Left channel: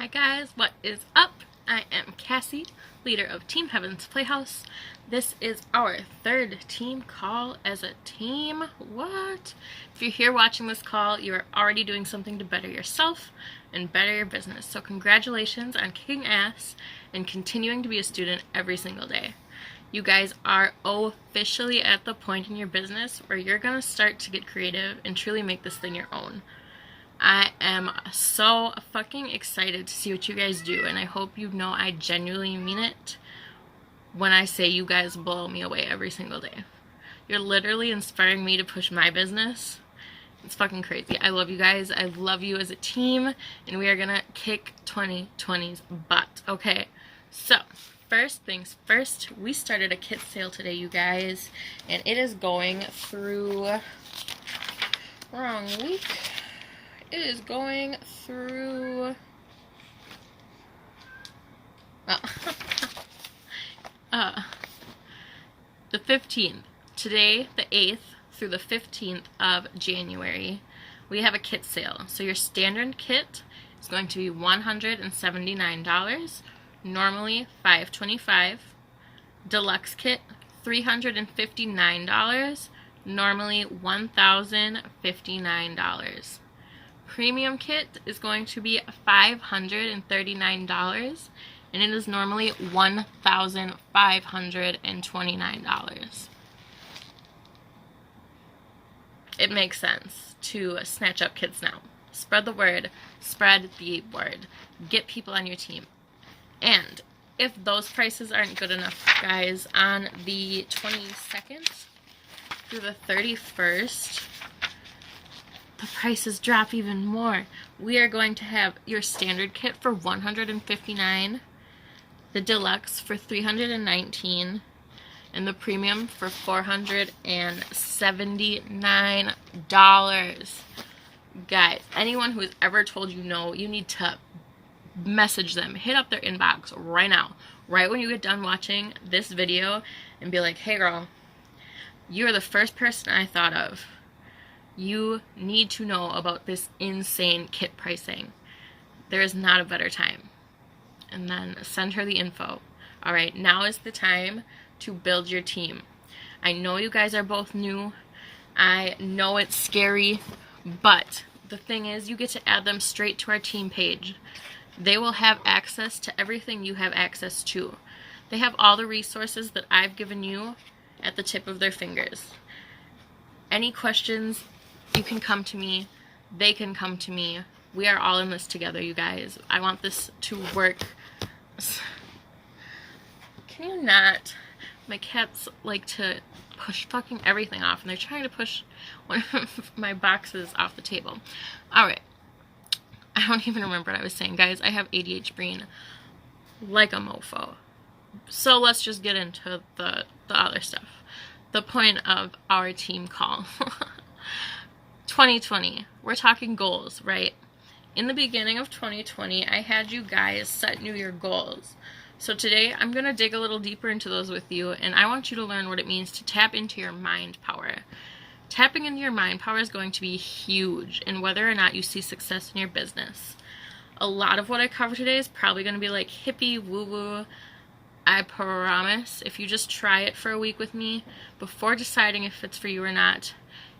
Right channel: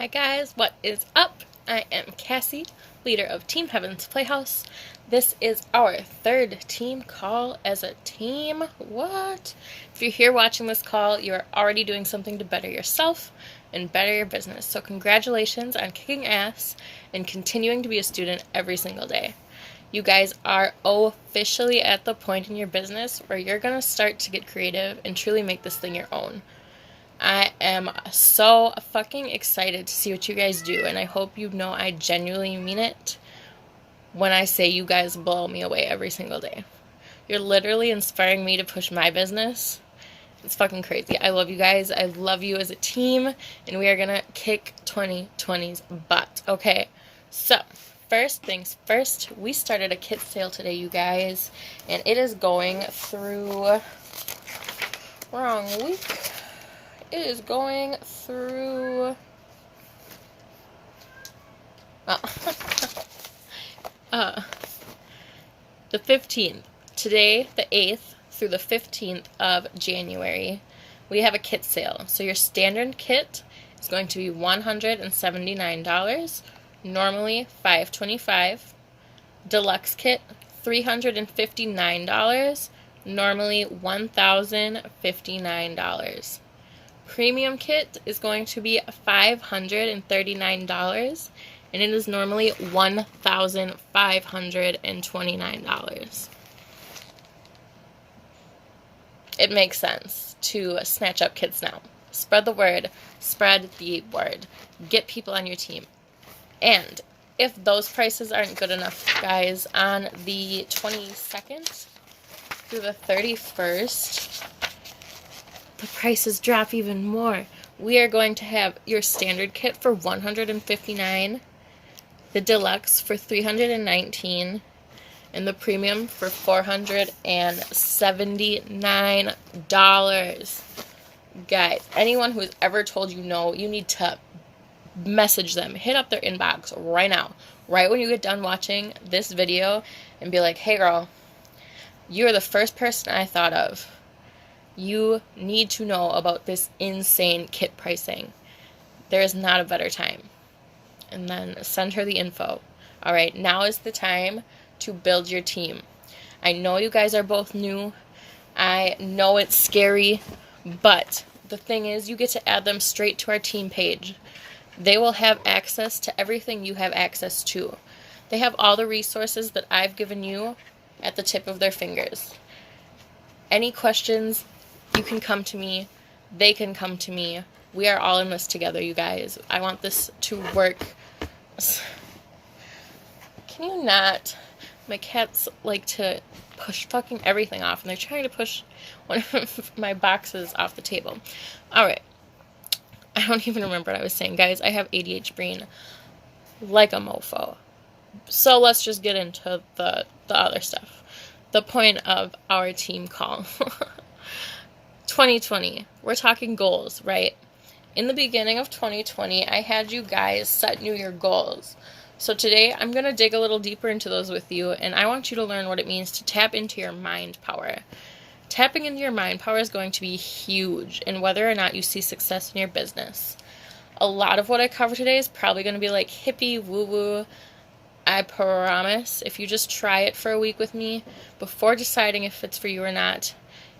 Hi guys, what is up? I am Cassie, leader of Team Heaven's Playhouse. This is our third team call as a team. What? If you're here watching this call, you are already doing something to better yourself and better your business. So congratulations on kicking ass and continuing to be a student every single day. You guys are officially at the point in your business where you're going to start to get creative and truly make this thing your own. I am so fucking excited to see what you guys do, and I hope you know I genuinely mean it when I say you guys blow me away every single day. You're literally inspiring me to push my business. It's fucking crazy. I love you guys. I love you as a team, and we are gonna kick 2020's butt, okay? So, first things first, we started a kit sale today, you guys, and it is going through... wrong week. It is going through the 15th. Today, the 8th, through the 15th of January, we have a kit sale. So your standard kit is going to be $179, normally $525. Deluxe kit, $359, normally $1,059. Premium kit is going to be $539, and it is normally $1,529. It makes sense to snatch up kits now. Spread the word. Spread the word. Get people on your team. And if those prices aren't good enough, guys, on the 22nd through the 31st, the prices drop even more. We are going to have your standard kit for $159, the deluxe for $319, and the premium for $479. Guys, anyone who has ever told you no, you need to message them. Hit up their inbox right now, right when you get done watching this video, and be like, hey girl, you're the first person I thought of. You need to know about this insane kit pricing. There is not a better time. And then send her the info. All right, now is the time to build your team. I know you guys are both new. I know it's scary, but the thing is, you get to add them straight to our team page. They will have access to everything you have access to. They have all the resources that I've given you at the tip of their fingers. Any questions, you can come to me. They can come to me. We are all in this together, you guys. I want this to work. Can you not? My cats like to push fucking everything off, and they're trying to push one of my boxes off the table. Alright. I don't even remember what I was saying, guys. I have ADHD brain like a mofo. So let's just get into the other stuff. The point of our team call. 2020. We're talking goals, right? In the beginning of 2020, I had you guys set New Year goals. So today, I'm going to dig a little deeper into those with you, and I want you to learn what it means to tap into your mind power. Tapping into your mind power is going to be huge in whether or not you see success in your business. A lot of what I cover today is probably going to be like hippie, woo-woo. I promise, if you just try it for a week with me, before deciding if it's for you or not,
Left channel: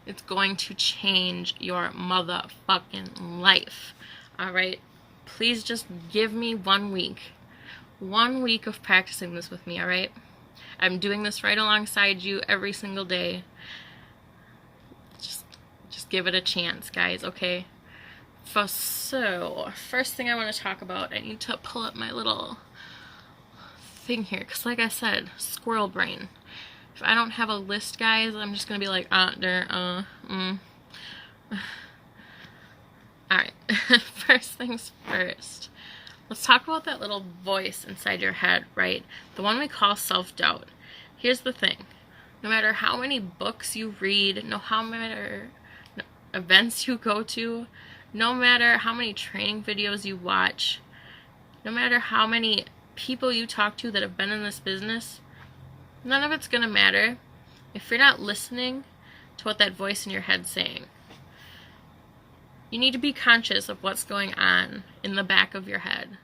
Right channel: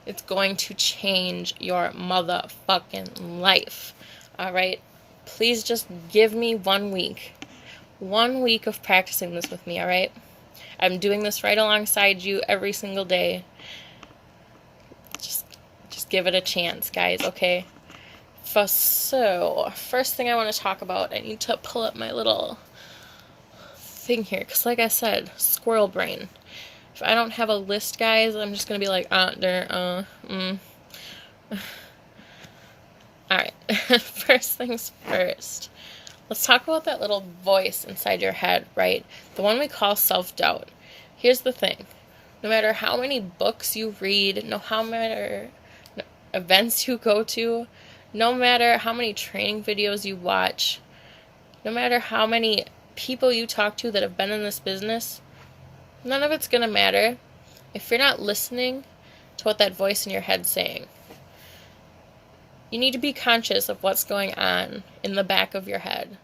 it's going to change your motherfucking life. Alright? Please just give me 1 week. 1 week of practicing this with me, alright? I'm doing this right alongside you every single day. Just give it a chance, guys, okay? So, first thing I want to talk about, I need to pull up my little thing here, because like I said, squirrel brain. If I don't have a list, guys, I'm just going to be like, Alright. First things first. Let's talk about that little voice inside your head, right? The one we call self-doubt. Here's the thing. No matter how many books you read, no matter events you go to, no matter how many training videos you watch, no matter how many people you talk to that have been in this business, none of it's going to matter if you're not listening to what that voice in your head's saying. You need to be conscious of what's going on in the back of your head.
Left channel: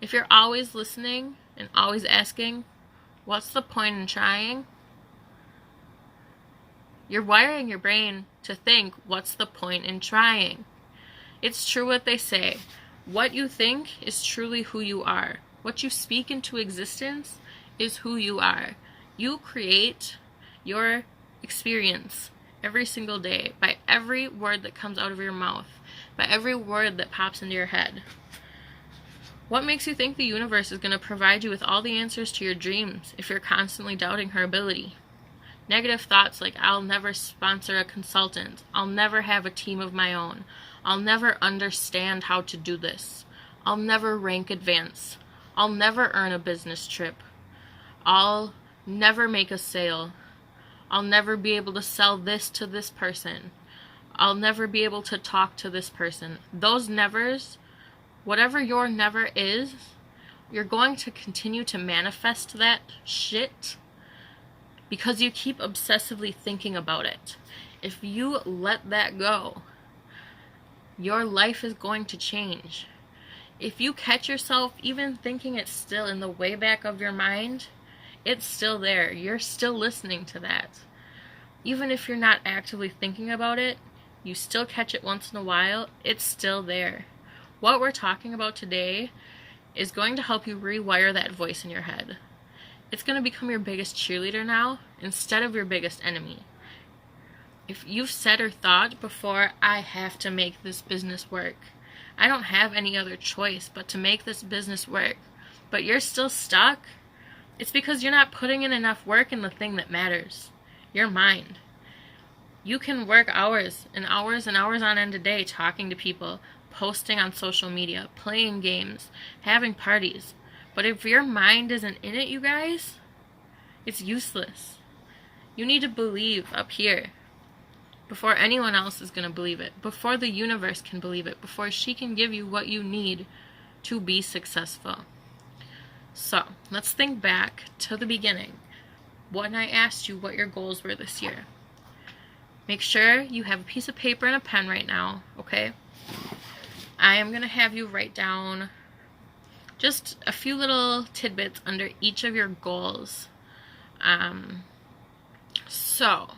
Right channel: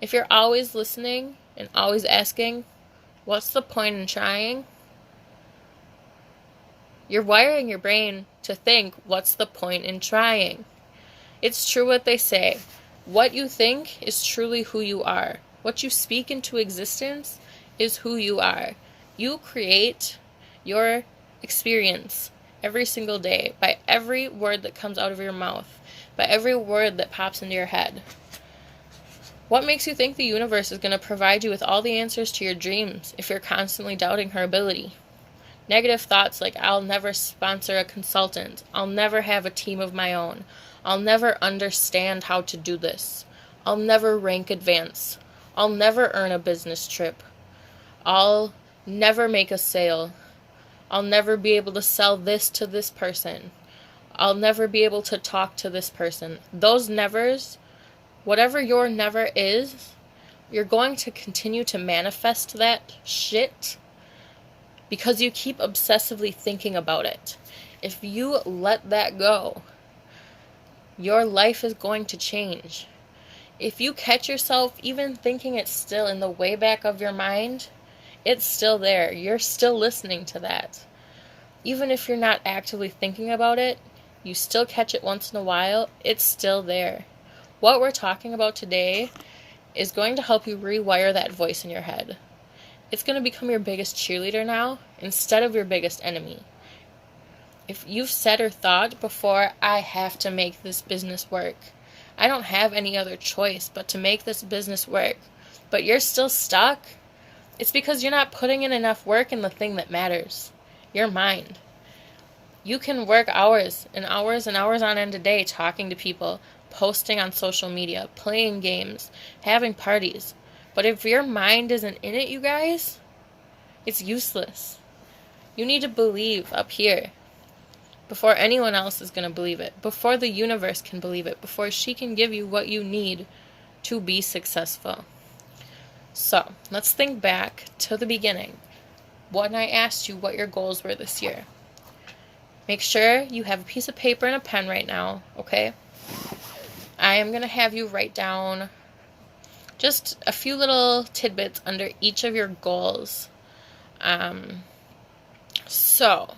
If you're always listening and always asking, what's the point in trying? You're wiring your brain to think, what's the point in trying? It's true what they say. What you think is truly who you are. What you speak into existence is who you are. You create your experience every single day by every word that comes out of your mouth, by every word that pops into your head. What makes you think the universe is going to provide you with all the answers to your dreams if you're constantly doubting her ability? Negative thoughts like, I'll never sponsor a consultant, I'll never have a team of my own, I'll never understand how to do this, I'll never rank advance, I'll never earn a business trip, I'll never make a sale, I'll never be able to sell this to this person, I'll never be able to talk to this person. Those nevers, whatever your never is, you're going to continue to manifest that shit because you keep obsessively thinking about it. If you let that go, your life is going to change. If you catch yourself even thinking it's still in the way back of your mind, it's still there. You're still listening to that. Even if you're not actively thinking about it, you still catch it once in a while, it's still there. What we're talking about today is going to help you rewire that voice in your head. It's going to become your biggest cheerleader now instead of your biggest enemy. If you've said or thought before, I have to make this business work, I don't have any other choice but to make this business work, but you're still stuck, it's because you're not putting in enough work in the thing that matters, your mind. You can work hours and hours and hours on end a day talking to people, posting on social media, playing games, having parties. But if your mind isn't in it, you guys, it's useless. You need to believe up here before anyone else is going to believe it, before the universe can believe it, before she can give you what you need to be successful. So, let's think back to the beginning when I asked you what your goals were this year. Make sure you have a piece of paper and a pen right now, okay? I am going to have you write down just a few little tidbits under each of your goals. So,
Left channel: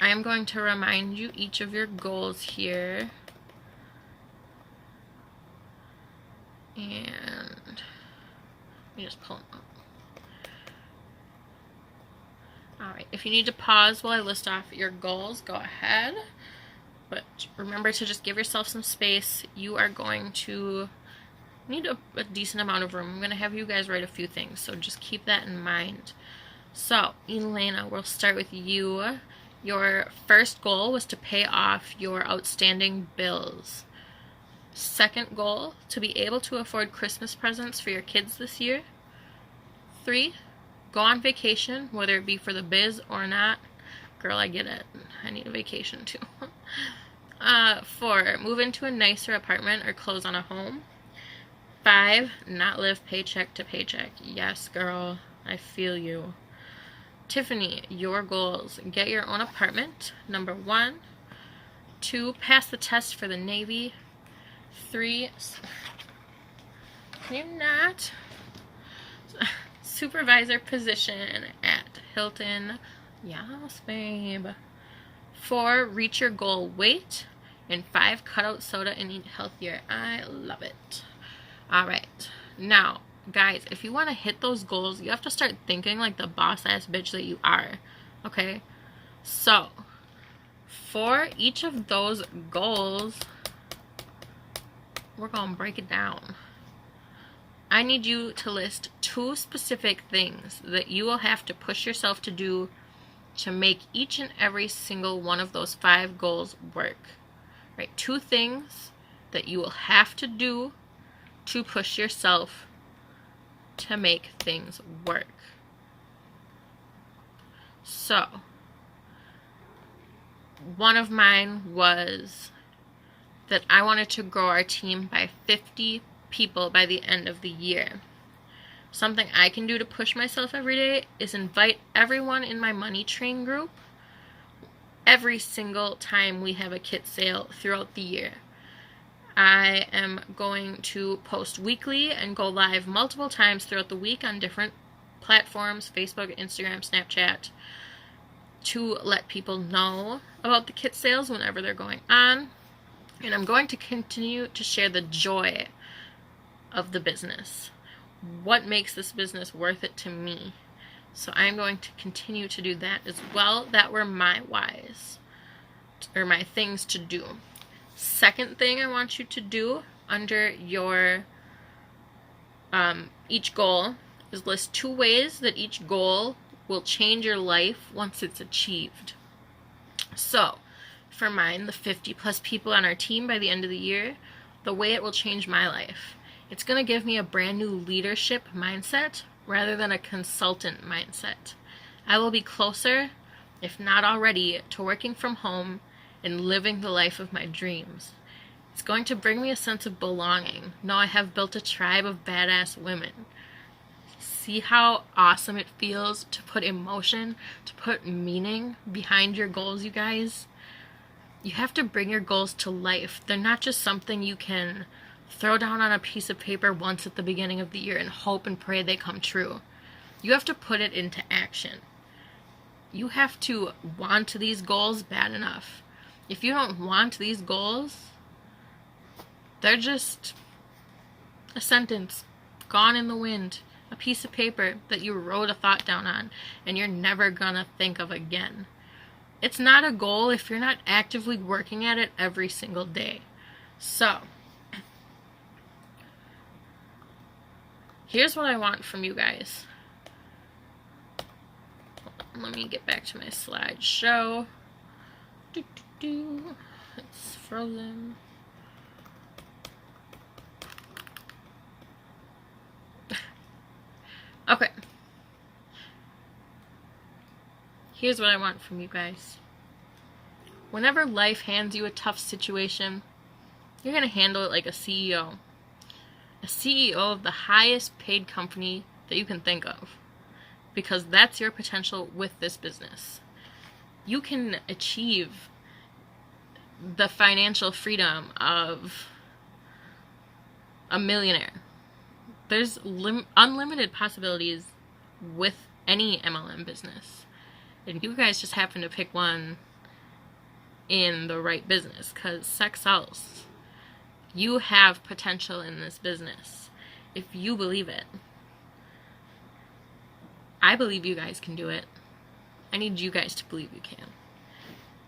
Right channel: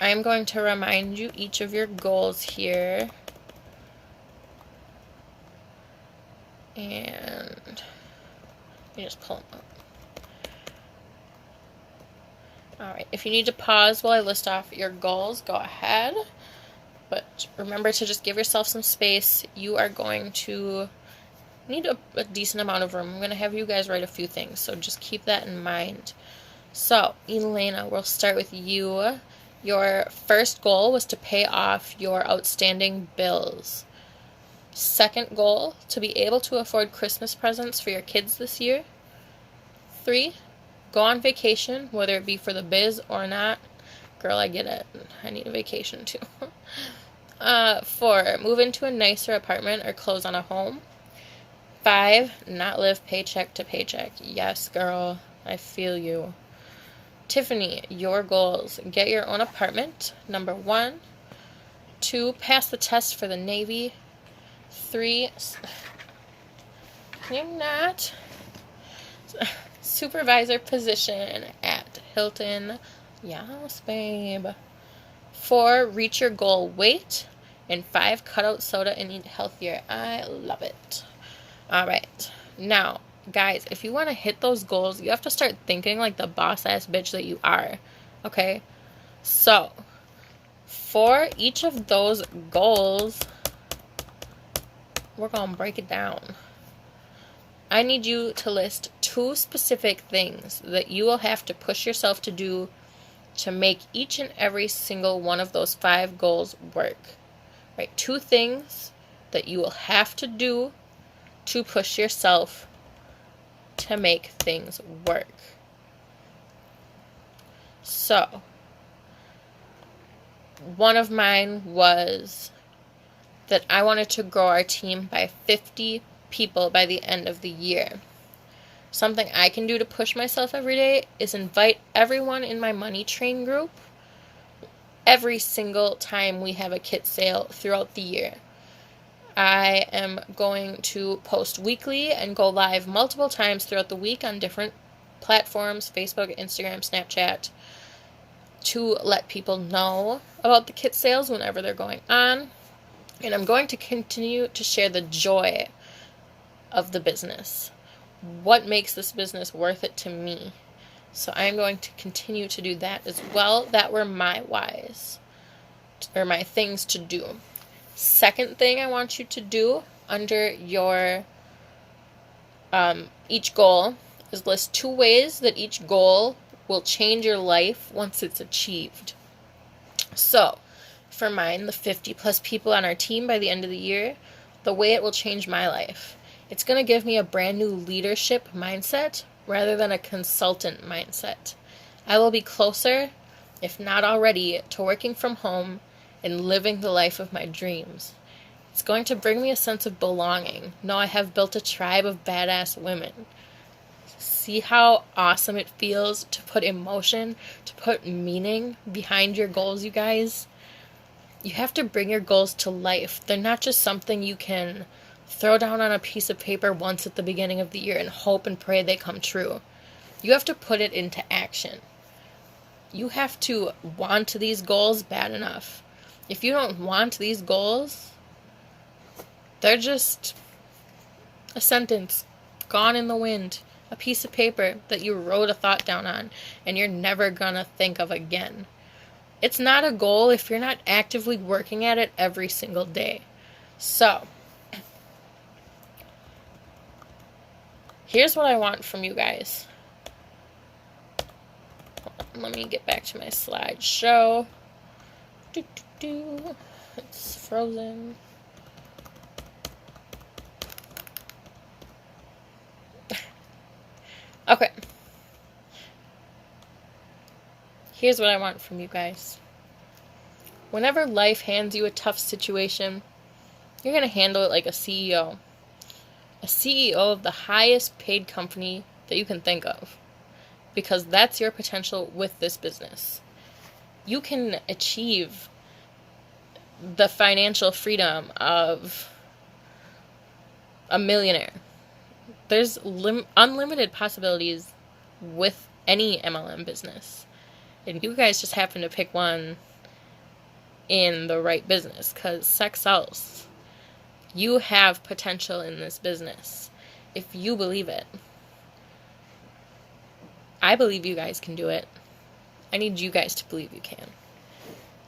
I am going to remind you each of your goals here. And let me just pull them up. Alright, if you need to pause while I list off your goals, go ahead. But remember to just give yourself some space. You are going to need a decent amount of room. I'm going to have you guys write a few things, so just keep that in mind. So, Elena, we'll start with you. Your first goal was to pay off your outstanding bills. Second goal, to be able to afford Christmas presents for your kids this year. 3, go on vacation, whether it be for the biz or not. Girl, I get it. I need a vacation too. 4, move into a nicer apartment or close on a home. 5, not live paycheck to paycheck. Yes, girl, I feel you. Tiffany, your goals. Get your own apartment. Number 1. 2, pass the test for the Navy. 3, can you not? Supervisor position at Hilton. Yes, babe. 4, reach your goal weight. And 5, cut out soda and eat healthier. I love it. Alright, now, guys, if you want to hit those goals, you have to start thinking like the boss-ass bitch that you are, okay? So, for each of those goals, we're going to break it down. I need you to list 2 specific things that you will have to push yourself to do to make each and every single one of those 5 goals work, right? 2 things that you will have to do to push yourself to make things work. So, one of mine was that I wanted to grow our team by 50 people by the end of the year. Something I can do to push myself every day is invite everyone in my money train group every single time we have a kit sale throughout the year. I am going to post weekly and go live multiple times throughout the week on different platforms, Facebook, Instagram, Snapchat, to let people know about the kit sales whenever they're going on. And I'm going to continue to share the joy of the business. What makes this business worth it to me? So I'm going to continue to do that as well. That were my whys, or my things to do. Second thing I want you to do under your each goal is list 2 ways that each goal will change your life once it's achieved. So, for mine, the 50 plus people on our team by the end of the year, the way it will change my life. It's going to give me a brand new leadership mindset rather than a consultant mindset. I will be closer, if not already, to working from home and living the life of my dreams. It's going to bring me a sense of belonging. Know I have built a tribe of badass women. See how awesome it feels to put emotion, to put meaning behind your goals, you guys? You have to bring your goals to life. They're not just something you can throw down on a piece of paper once at the beginning of the year and hope and pray they come true. You have to put it into action. You have to want these goals bad enough. If you don't want these goals, they're just a sentence gone in the wind, a piece of paper that you wrote a thought down on and you're never gonna think of again. It's not a goal if you're not actively working at it every single day. So, here's what I want from you guys. Let me get back to my slideshow. It's frozen. Okay. Here's what I want from you guys. Whenever life hands you a tough situation, you're going to handle it like a CEO. A CEO of the highest paid company that you can think of. Because that's your potential with this business. You can achieve the financial freedom of a millionaire. There's unlimited possibilities with any MLM business. And you guys just happen to pick one in the right business because sex sells. You have potential in this business if you believe it. I believe you guys can do it. I need you guys to believe you can.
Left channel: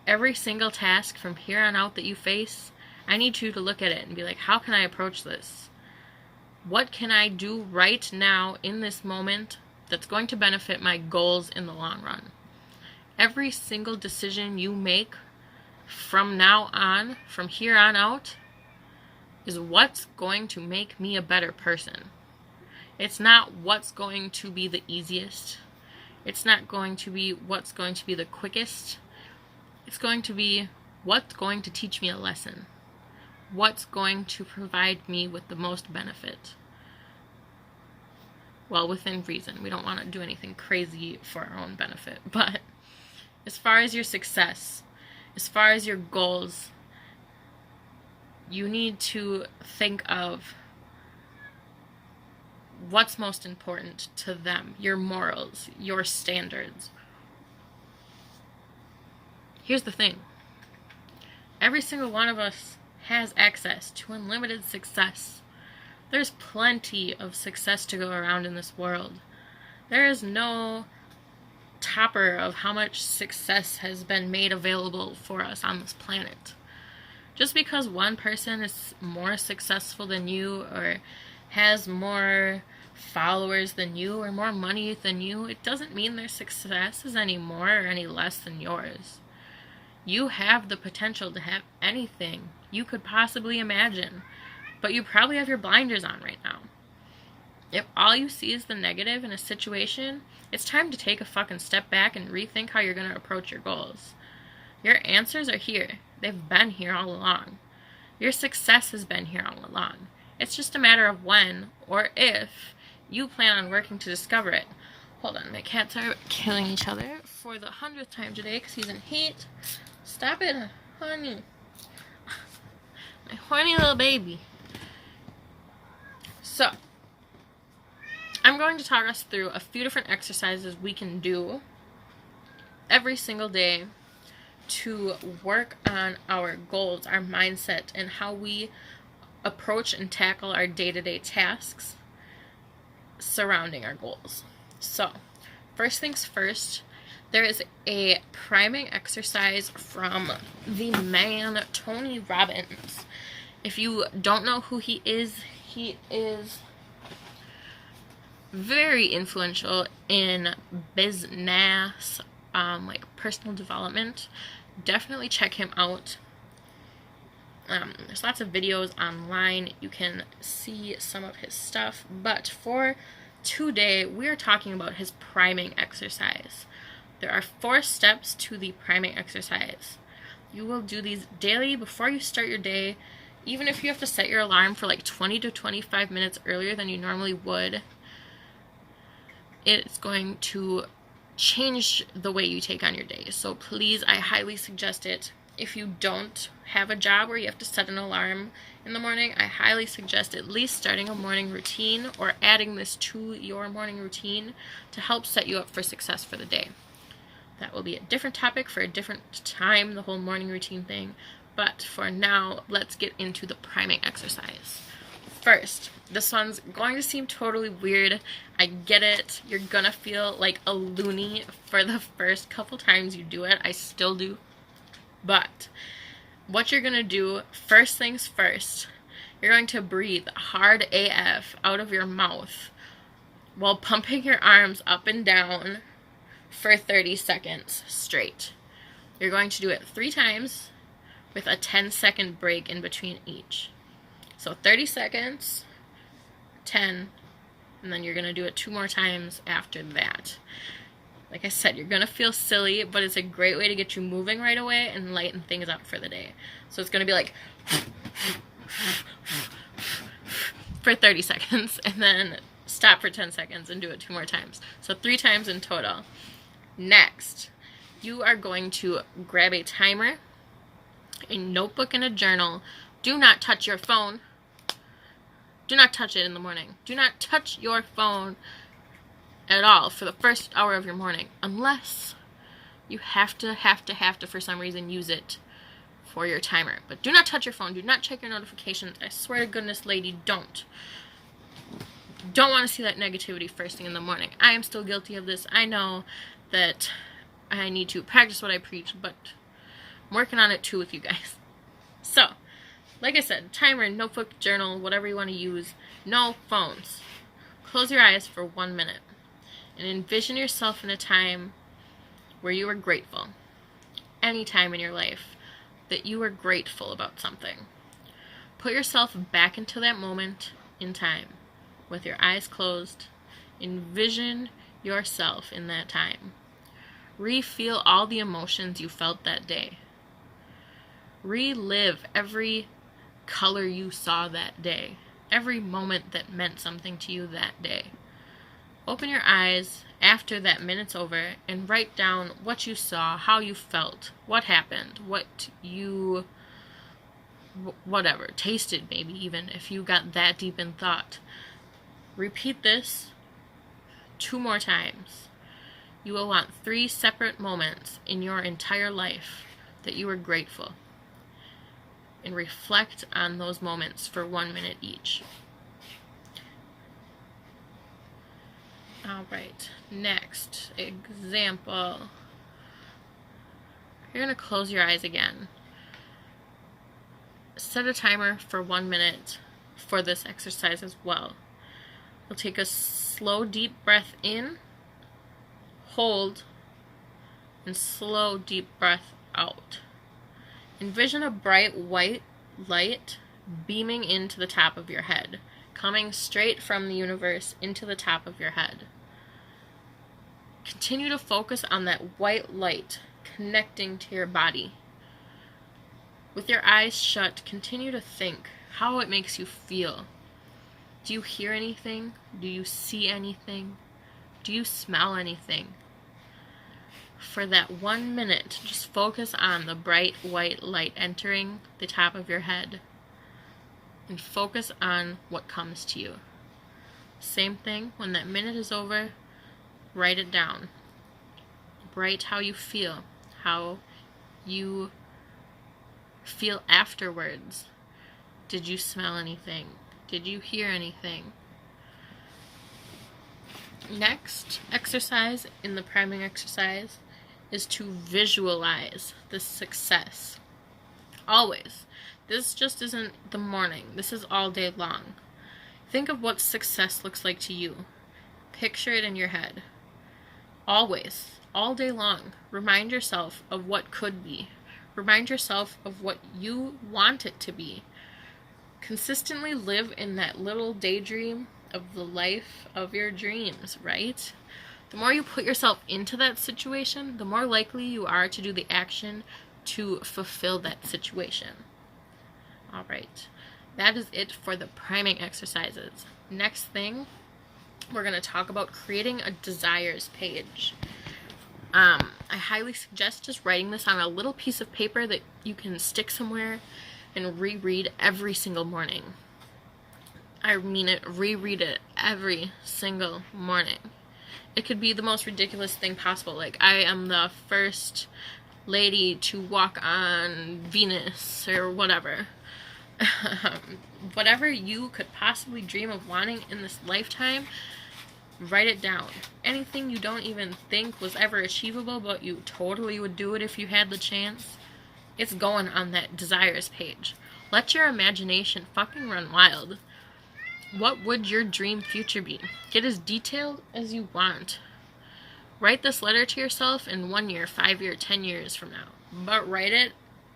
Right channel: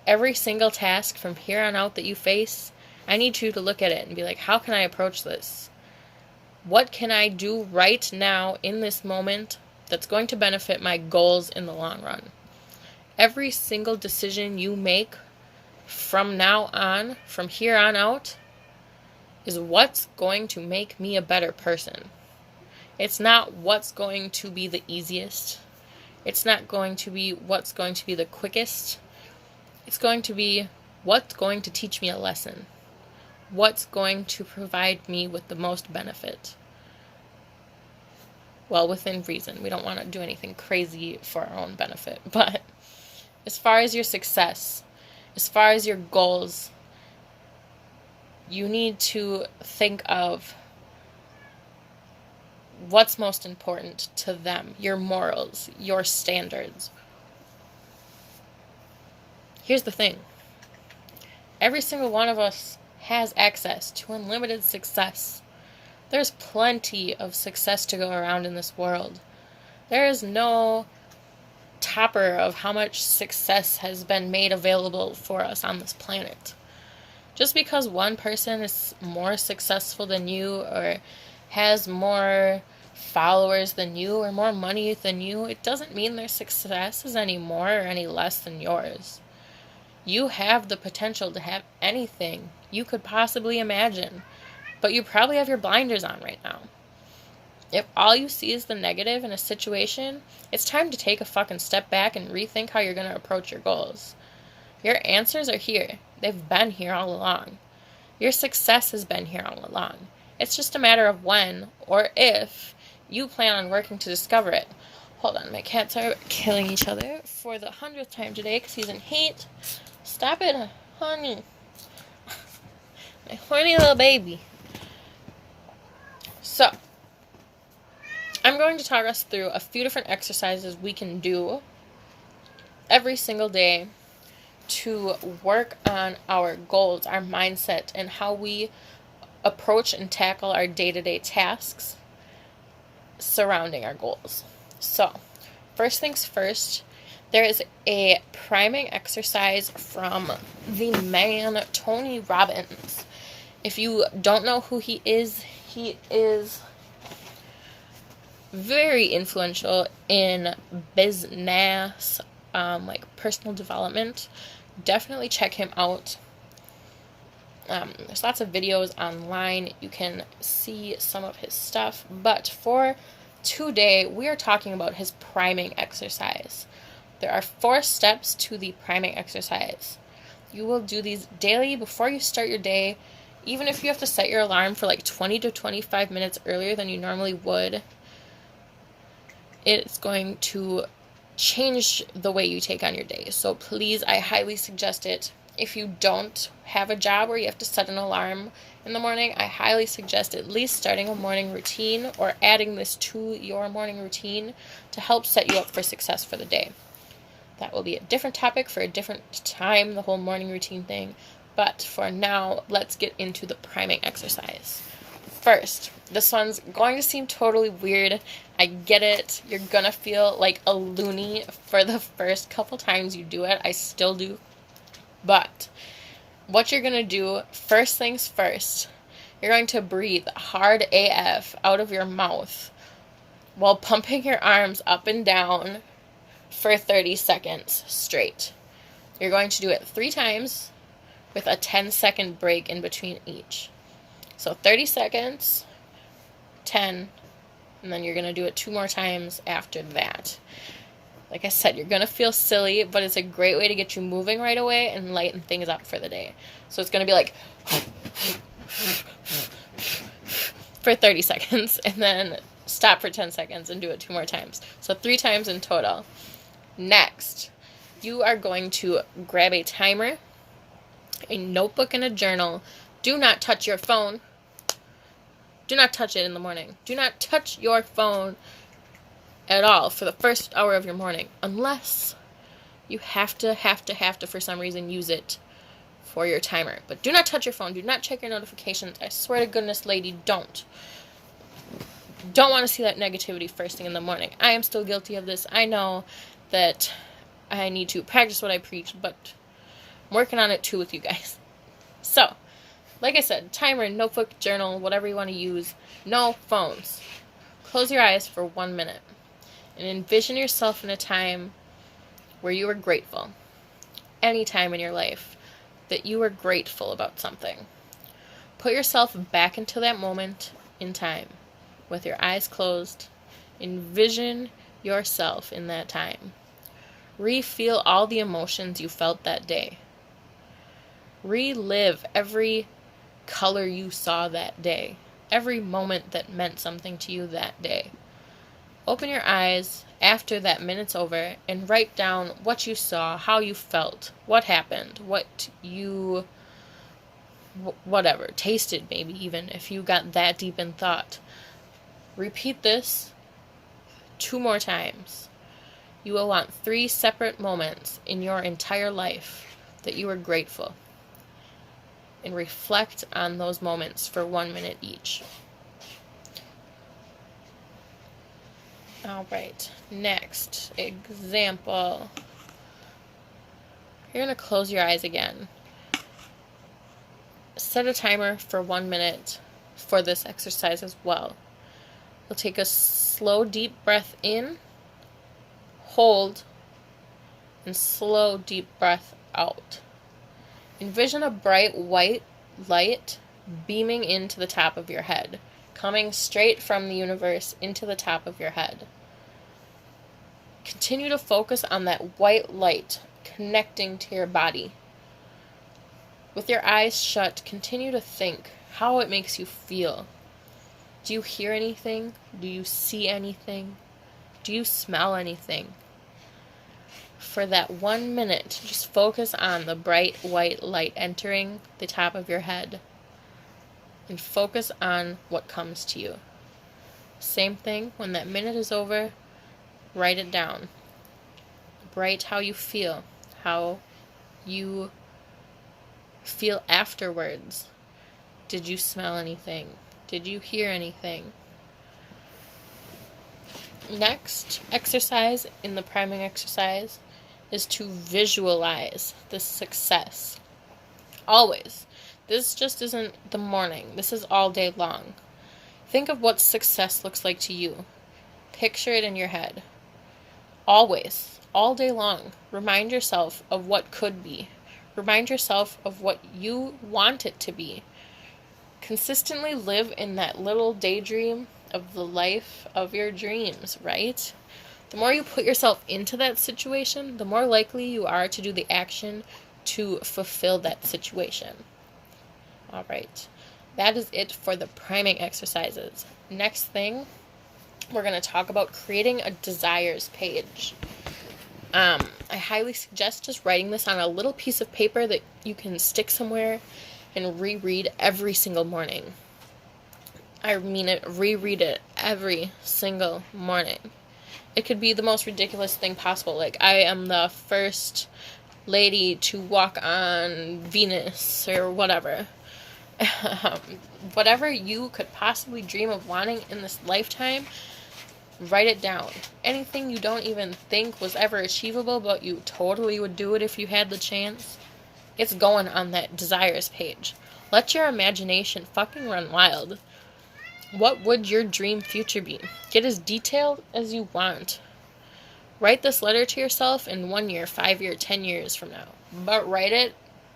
Every single task from here on out that you face, I need you to look at it and be like, how can I approach this? What can I do right now in this moment that's going to benefit my goals in the long run? Every single decision you make from now on, from here on out, is what's going to make me a better person. It's not what's going to be the easiest. It's not going to be what's going to be the quickest. It's going to be what's going to teach me a lesson. What's going to provide me with the most benefit. Well, within reason. We don't want to do anything crazy for our own benefit. But as far as your success, as far as your goals, you need to think of what's most important to them, your morals, your standards. Here's the thing. Every single one of us has access to unlimited success. There's plenty of success to go around in this world. There is no topper of how much success has been made available for us on this planet. Just because one person is more successful than you or has more followers than you or more money than you, it doesn't mean their success is any more or any less than yours. You have the potential to have anything you could possibly imagine, but you probably have your blinders on right now. If all you see is the negative in a situation, it's time to take a fucking step back and rethink how you're going to approach your goals. Your answers are here. They've been here all along. Your success has been here all along. It's just a matter of when or if you plan on working to discover it. Hold on, my cats are killing each other for the 100th time today because he's in heat. Stop it, honey. My horny little baby. So, I'm going to talk us through a few different exercises we can do every single day to work on our goals, our mindset, and how we approach and tackle our day-to-day tasks surrounding our goals. So, first things first, there is a priming exercise from the man Tony Robbins. If you don't know who he is very influential in business, like personal development. Definitely check him out. There's lots of videos online. You can see some of his stuff. But for today, we are talking about his priming exercise. There are 4 steps to the priming exercise. You will do these daily before you start your day. Even if you have to set your alarm for like 20 to 25 minutes earlier than you normally would, it's going to change the way you take on your day. So please, I highly suggest it. If you don't have a job where you have to set an alarm in the morning, I highly suggest at least starting a morning routine or adding this to your morning routine to help set you up for success for the day. That will be a different topic for a different time, the whole morning routine thing. But for now, let's get into the priming exercise. First, this one's going to seem totally weird. I get it. You're going to feel like a loony for the first couple times you do it. I still do. But what you're going to do, first things first, you're going to breathe hard AF out of your mouth while pumping your arms up and down for 30 seconds straight. You're going to do it 3 times with a 10-second break in between each. So 30 seconds, 10, and then you're going to do it 2 more times after that. Like I said, you're going to feel silly, but it's a great way to get you moving right away and lighten things up for the day. So it's going to be like for 30 seconds, and then stop for 10 seconds and do it 2 more times. So 3 times in total. Next, you are going to grab a timer, a notebook, and a journal. Do not touch your phone. Do not touch it in the morning. Do not touch your phone at all for the first hour of your morning, unless you have to, for some reason, use it for your timer. But do not touch your phone. Do not check your notifications. I swear to goodness, lady, don't. Don't want to see that negativity first thing in the morning. I am still guilty of this. I know that I need to practice what I preach, but I'm working on it too with you guys. So, like I said, timer, notebook, journal, whatever you want to use. No phones. Close your eyes for 1 minute and envision yourself in a time where you were grateful. Any time in your life that you were grateful about something. Put yourself back into that moment in time with your eyes closed. Envision yourself in that time. Re-feel all the emotions you felt that day. Relive every color you saw that day. Every moment that meant something to you that day. Open your eyes after that minute's over and write down what you saw, how you felt, what happened, whatever, tasted maybe even, if you got that deep in thought. Repeat this 2 more times. You will want 3 separate moments in your entire life that you were grateful. And reflect on those moments for 1 minute each. Alright, next example. You're going to close your eyes again. Set a timer for 1 minute for this exercise as well. You'll take a slow, deep breath in, hold, and slow, deep breath out. Envision a bright white light beaming into the top of your head, coming straight from the universe into the top of your head. Continue to focus on that white light connecting to your body. With your eyes shut, continue to think how it makes you feel. Do you hear anything? Do you see anything? Do you smell anything? for that 1 minute, just focus on the bright white light entering the top of your head and focus on what comes to you. Same thing, when that minute is over, write it down. Write how you feel afterwards. Did you smell anything? Did you hear anything? Next exercise in the priming exercise is to visualize the success. Always. This just isn't the morning. This is all day long. Think of what success looks like to you. Picture it in your head. Always. All day long. Remind yourself of what could be. Remind yourself of what you want it to be. Consistently live in that little daydream of the life of your dreams, right? The more you put yourself into that situation, the more likely you are to do the action to fulfill that situation. All right. That is it for the priming exercises. Next thing, we're going to talk about creating a desires page. I highly suggest just writing this on a little piece of paper that you can stick somewhere and reread every single morning. I mean it, reread it every single morning. It could be the most ridiculous thing possible. Like, I am the first lady to walk on Venus or whatever. Whatever you could possibly dream of wanting in this lifetime, write it down. Anything you don't even think was ever achievable, but you totally would do it if you had the chance, it's going on that desires page. Let your imagination fucking run wild. What would your dream future be? Get as detailed as you want. Write this letter to yourself in 1 year, 5 years, 10 years from now. But write it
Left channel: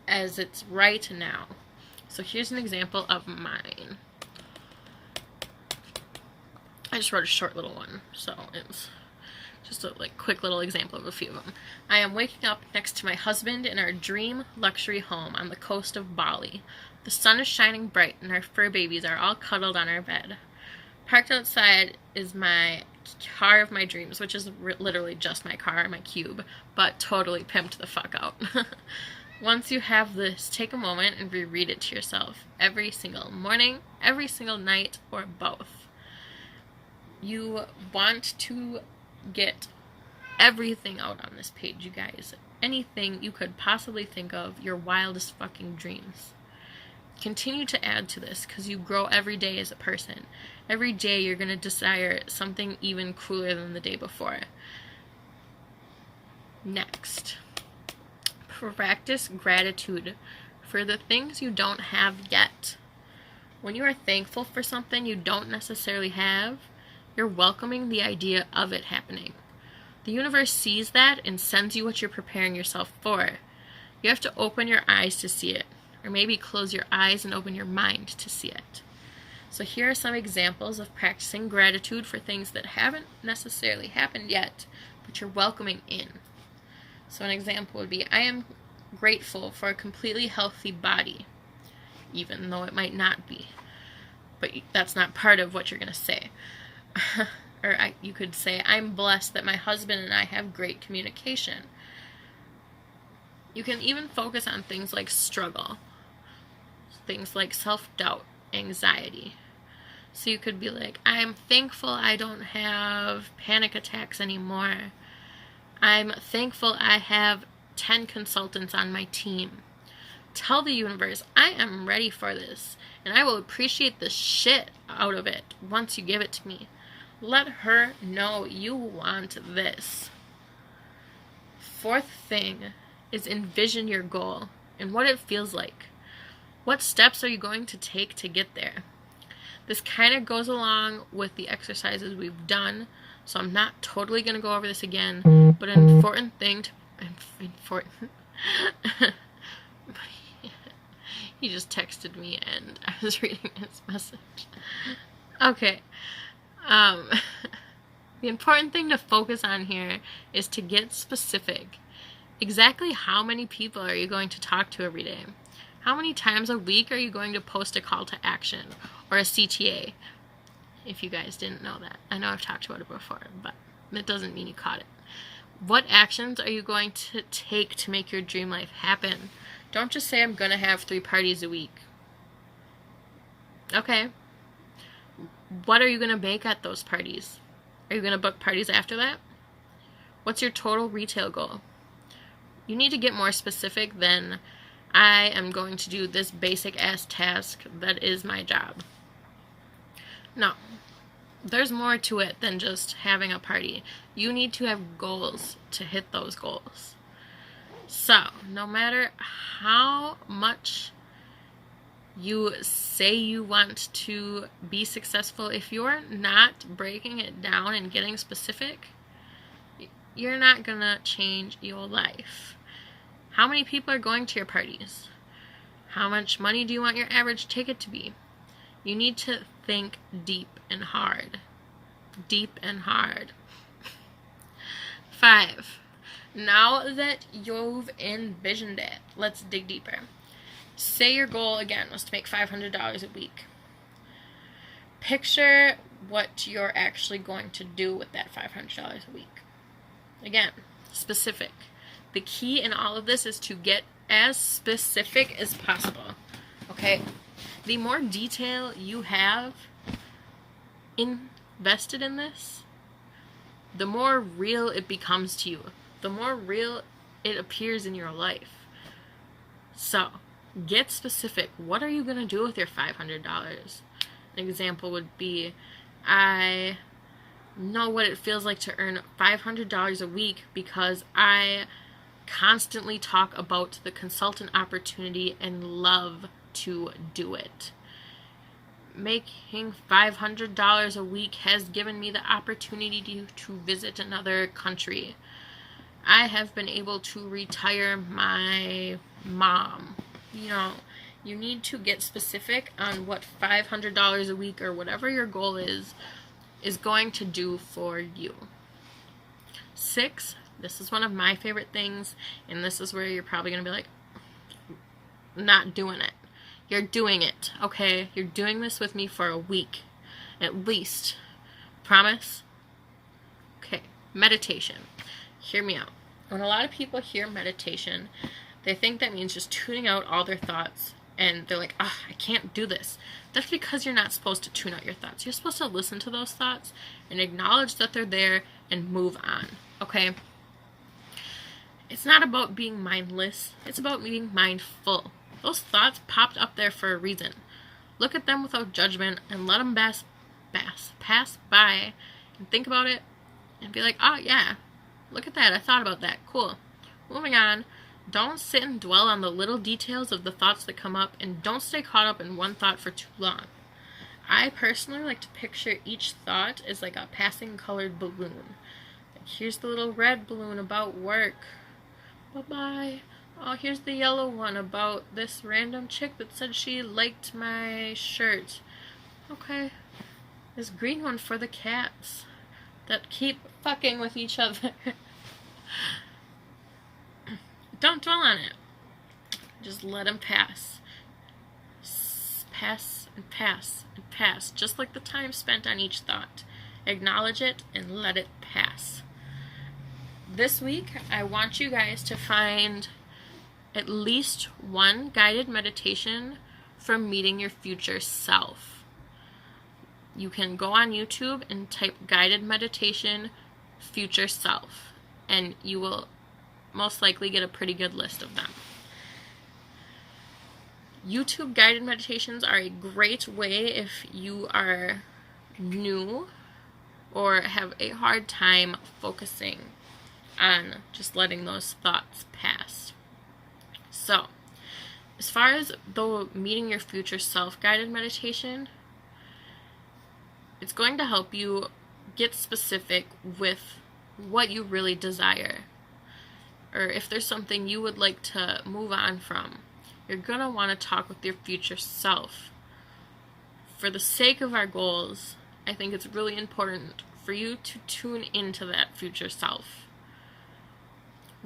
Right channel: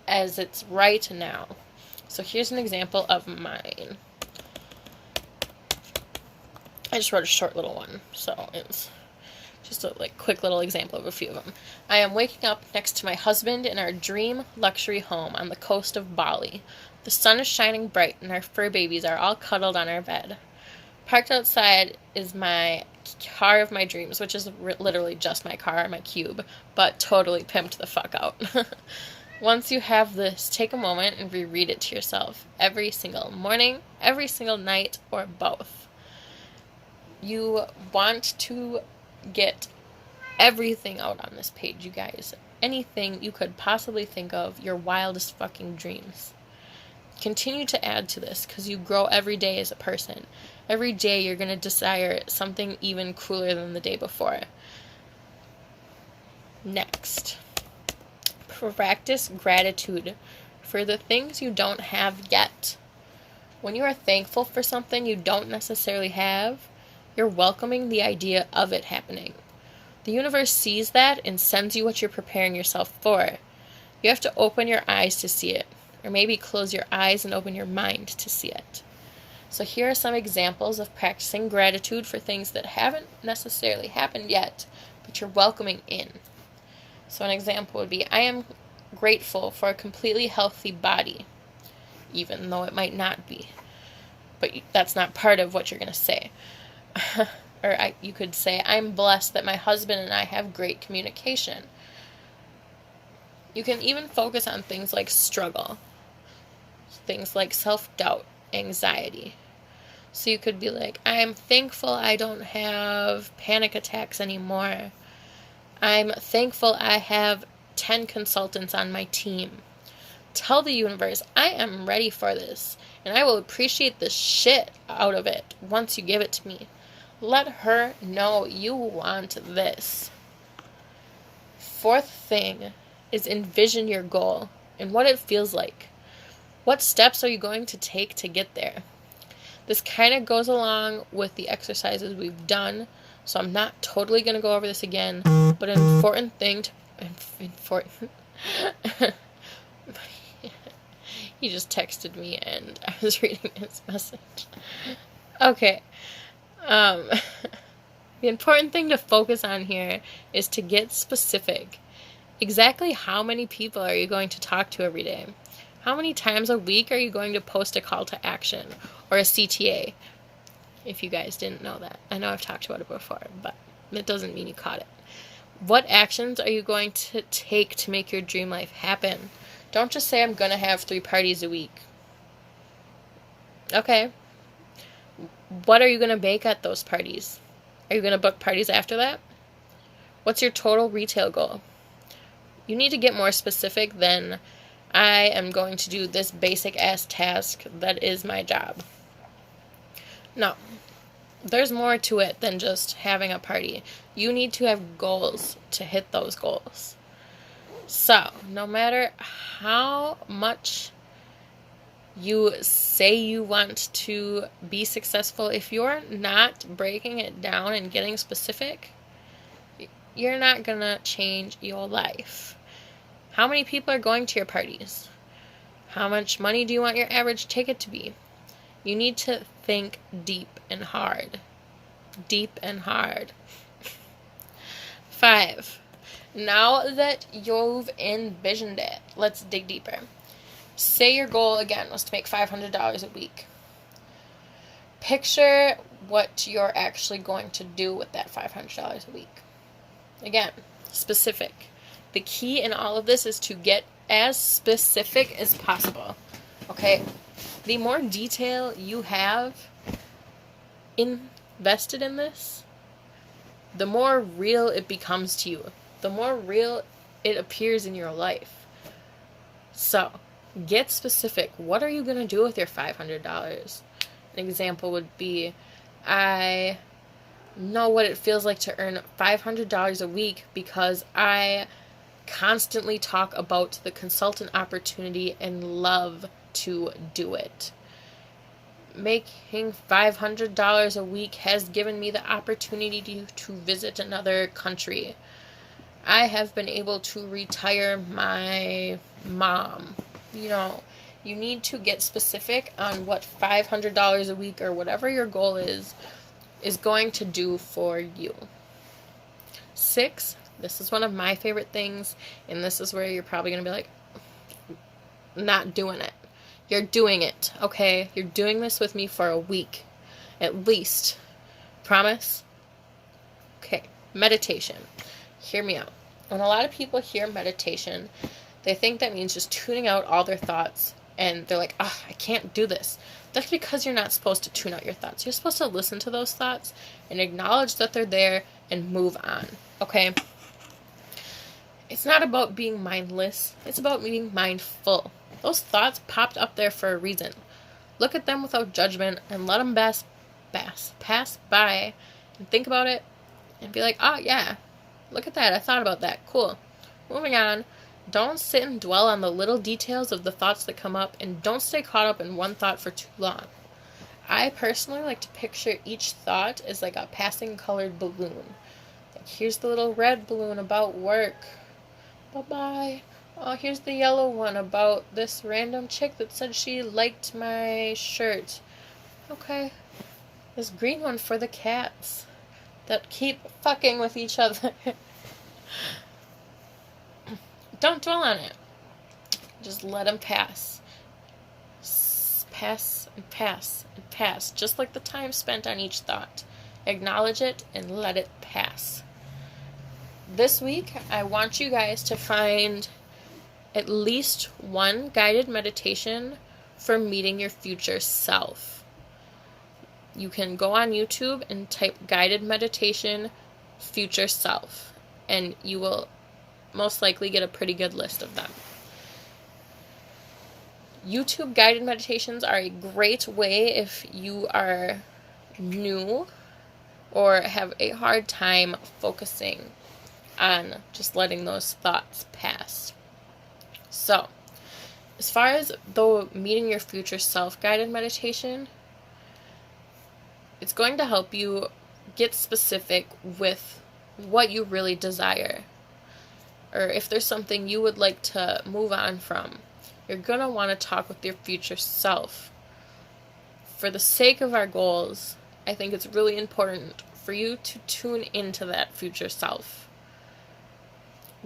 as it's right now. So here's an example of mine. I just wrote a short little one, so it's just a quick little example of a few of them. I am waking up next to my husband in our dream luxury home on the coast of Bali. The sun is shining bright and our fur babies are all cuddled on our bed. Parked outside is my car of my dreams, which is literally just my car, my cube, but totally pimped the fuck out. Once you have this, take a moment and reread it to yourself every single morning, every single night, or both. You want to get everything out on this page, you guys. Anything you could possibly think of, your wildest fucking dreams. Continue to add to this because you grow every day as a person. Every day you're going to desire something even cooler than the day before. Next, practice gratitude for the things you don't have yet. When you are thankful for something you don't necessarily have, you're welcoming the idea of it happening. The universe sees that and sends you what you're preparing yourself for. You have to open your eyes to see it. Or maybe close your eyes and open your mind to see it. So here are some examples of practicing gratitude for things that haven't necessarily happened yet, but you're welcoming in. So an example would be, I am grateful for a completely healthy body, even though it might not be. But that's not part of what you're going to say. You could say, I'm blessed that my husband and I have great communication. You can even focus on things like struggle. Things like self-doubt, anxiety. So you could be like, I'm thankful I don't have panic attacks anymore. I'm thankful I have 10 consultants on my team. Tell the universe, I am ready for this, and I will appreciate the shit out of it once you give it to me. Let her know you want this. Fourth thing is envision your goal and what it feels like. What steps are you going to take to get there? This kind of goes along with the exercises we've done, so I'm not totally going to go over this again, but an important thing to... He just texted me and I was reading his message. Okay. The important thing to focus on here is to get specific. Exactly how many people are you going to talk to every day? How many times a week are you going to post a call to action or a CTA? If you guys didn't know that. I know I've talked about it before, but it doesn't mean you caught it. What actions are you going to take to make your dream life happen? Don't just say, I'm going to have 3 parties a week. Okay. What are you going to bake at those parties? Are you going to book parties after that? What's your total retail goal? You need to get more specific than, I am going to do this basic ass task that is my job. No. There's more to it than just having a party. You need to have goals to hit those goals. So, no matter how much you say you want to be successful, if you're not breaking it down and getting specific, you're not going to change your life. How many people are going to your parties? How much money do you want your average ticket to be? You need to think deep and hard. Deep and hard. 5. Now that you've envisioned it, let's dig deeper. Say your goal, again, was to make $500 a week. Picture what you're actually going to do with that $500 a week. Again, specific. The key in all of this is to get as specific as possible. Okay? The more detail you have invested in this, the more real it becomes to you. The more real it appears in your life. So, get specific. What are you going to do with your $500? An example would be, I know what it feels like to earn $500 a week because I constantly talk about the consultant opportunity and love to do it. Making $500 a week has given me the opportunity to visit another country. I have been able to retire my mom. You need to get specific on what $500 a week or whatever your goal is going to do for you. 6, this is one of my favorite things, and this is where you're probably going to be like, not doing it. You're doing it, okay? You're doing this with me for a week, at least. Promise? Okay, meditation. Hear me out. When a lot of people hear meditation, they think that means just tuning out all their thoughts, and they're like, I can't do this. That's because you're not supposed to tune out your thoughts. You're supposed to listen to those thoughts and acknowledge that they're there and move on, okay? It's not about being mindless. It's about being mindful. Those thoughts popped up there for a reason. Look at them without judgment and let them pass by and think about it and be like, yeah, look at that. I thought about that. Cool. Moving on. Don't sit and dwell on the little details of the thoughts that come up, and don't stay caught up in one thought for too long. I personally like to picture each thought as like a passing colored balloon. Like, here's the little red balloon about work. Bye-bye. Oh, here's the yellow one about this random chick that said she liked my shirt. Okay. This green one for the cats that keep fucking with each other. Don't dwell on it. Just let them pass. Pass and pass and pass. Just like the time spent on each thought. Acknowledge it and let it pass. This week, I want you guys to find at least one guided meditation for meeting your future self. You can go on YouTube and type guided meditation future self, and you will most likely get a pretty good list of them. YouTube guided meditations are a great way if you are new or have a hard time focusing on just letting those thoughts pass. So, as far as the meeting your future self guided meditation, it's going to help you get specific with what you really desire. Or if there's something you would like to move on from, you're going to want to talk with your future self. For the sake of our goals, I think it's really important for you to tune into that future self.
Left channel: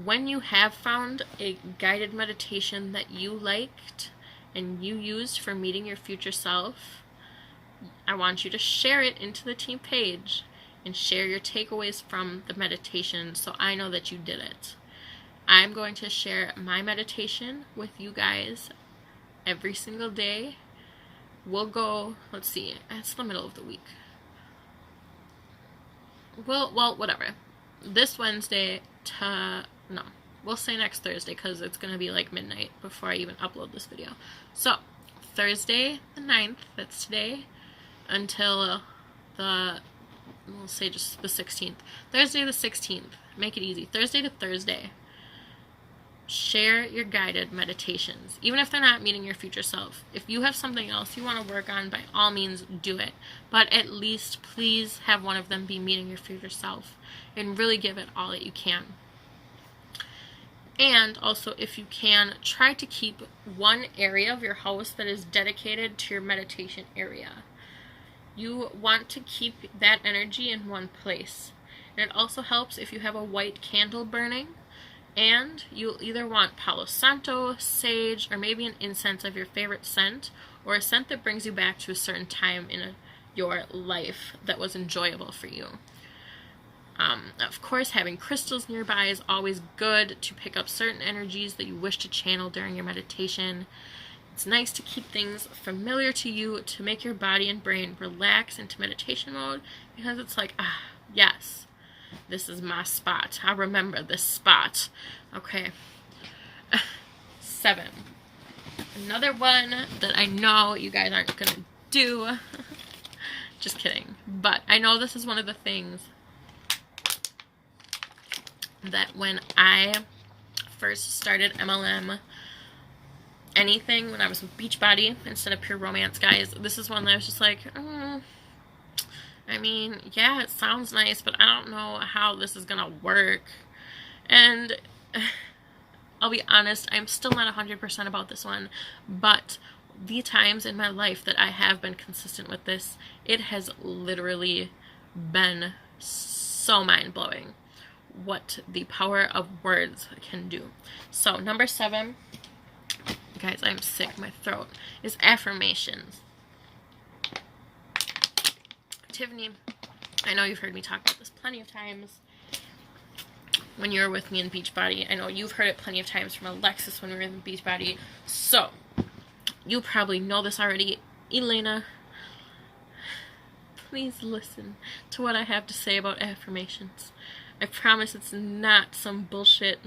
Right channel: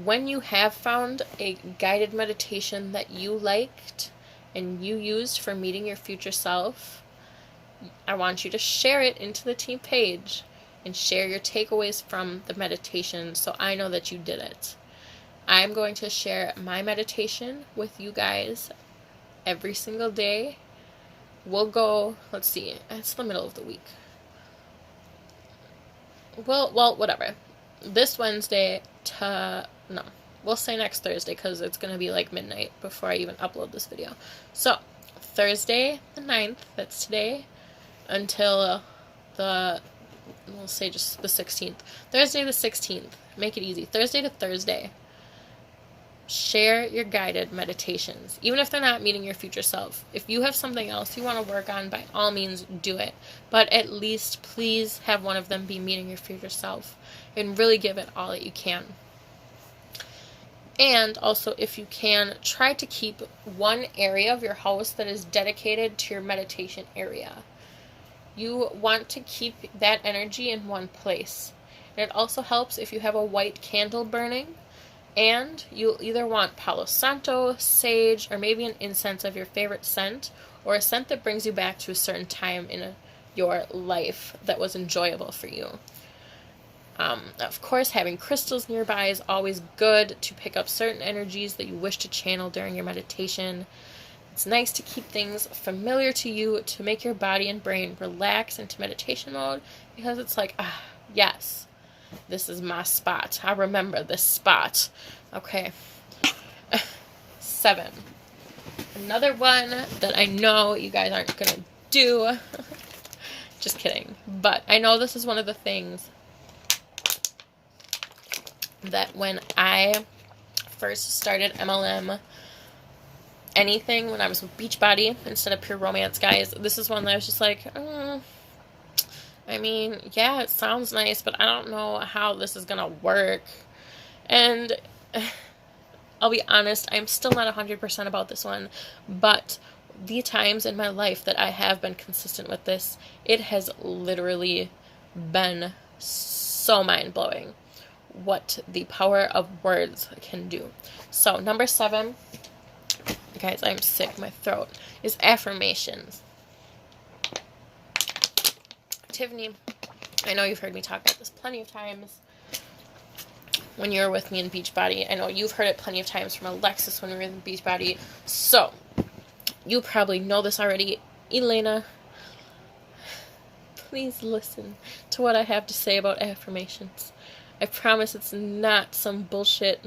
When you have found a guided meditation that you liked and you used for meeting your future self, I want you to share it into the team page and share your takeaways from the meditation so I know that you did it. I'm going to share my meditation with you guys every single day. We'll go, let's see, it's the middle of the week. Well, whatever. This Wednesday no, we'll say next Thursday because it's going to be like midnight before I even upload this video. So, Thursday the 9th, that's today, until we'll say just the 16th. Thursday the 16th, make it easy. Thursday to Thursday. Share your guided meditations, even if they're not meeting your future self. If you have something else you want to work on, by all means do it. But at least please have one of them be meeting your future self and really give it all that you can. And also, if you can, try to keep one area of your house that is dedicated to your meditation area. You want to keep that energy in one place. And it also helps if you have a white candle burning. And you'll either want Palo Santo, sage, or maybe an incense of your favorite scent, or a scent that brings you back to a certain time in your life that was enjoyable for you. Of course, having crystals nearby is always good to pick up certain energies that you wish to channel during your meditation. It's nice to keep things familiar to you to make your body and brain relax into meditation mode, because it's like, yes. This is my spot. I remember this spot. Okay. 7. Another one that I know you guys aren't going to do. Just kidding. But I know this is one of the things that when I first started MLM, anything, when I was with Beachbody instead of Pure Romance, guys, this is one that I was just like, I mean, yeah, it sounds nice, but I don't know how this is going to work. And I'll be honest, I'm still not 100% about this one, but the times in my life that I have been consistent with this, it has literally been so mind-blowing what the power of words can do. So, number 7, guys, I'm sick, my throat, is affirmations. Tiffany, I know you've heard me talk about this plenty of times when you were with me in Beachbody. I know you've heard it plenty of times from Alexis when we were in Beachbody. So, you probably know this already. Elena, please listen to what I have to say about affirmations. I promise it's not some bullshit